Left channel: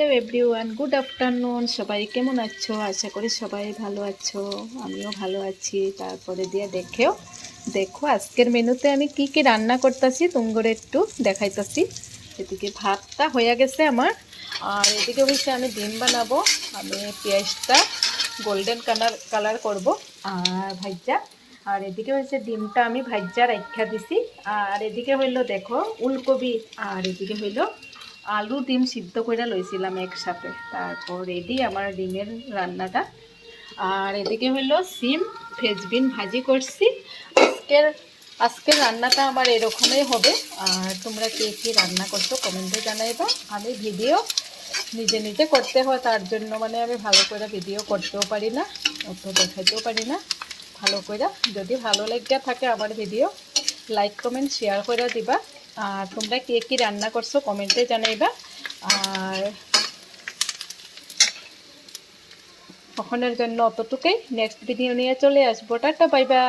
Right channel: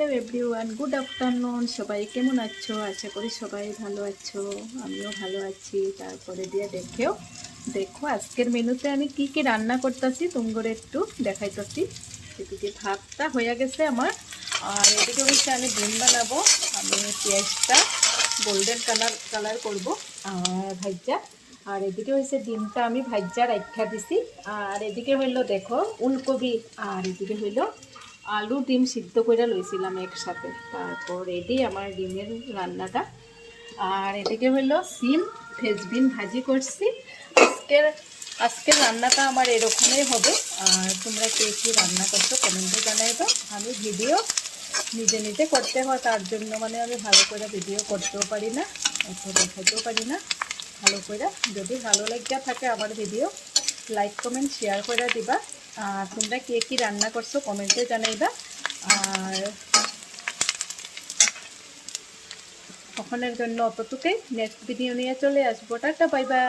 Hello everyone, good afternoon. সবাই কেমন আছো? আশা করি সবাই ভালো আছো, আমিও ভালো আছি। তারপরে দিয়ে দেখো আজকের মেনুতে আমি কি কি রান্না করতেছি তোমাদের একটু দেখাইতেছি। এদিকে ভাতটা হয়ে গেছে আমার, আর এদিকে হচ্ছে আমি ডিম বানাবো। আমি পেঁয়াজটা গোল্ডেন কালার করব আর ভাজা। আর এদিকে হয়েছে ডিমটা আমি ভাজা রাখা দিছি। আর এদিকে হইলো দেখো উলকপি, আর এদিকে হইলো আলু ডিম সিদ্ধ করে লইছিলাম একসাথে। তারপর রেডি আমার ডিমের রান্নাটা। আর এদিকে হইলো সিম ফ্রেঞ্চবিন ভাজি করছি। আজকের আজকের রান্নাটা আমার এরকমই হবে। আর তোমরা কে কী রান্না করছো কমেন্টে জানাইবা। আমি ভিডিও নিজে নিজে করতে হয়, তার জন্য মানে আমি ভালো করে ভিডিও করতেও পারি না, অত দেখাইতেও পারি না ভালো করে। যদি ভালো লাগিয়া থাকে আমার ভিডিও, লাইক কমেন্ট শেয়ার করে দিবা। আর তোমরা কে কী রান্না করছো কমেন্টে জানাইবা। আর তখনের জন্য অতটুকুই, নেক্সট ভিডিও নিয়ে চলে আসবো। Tata, bye bye.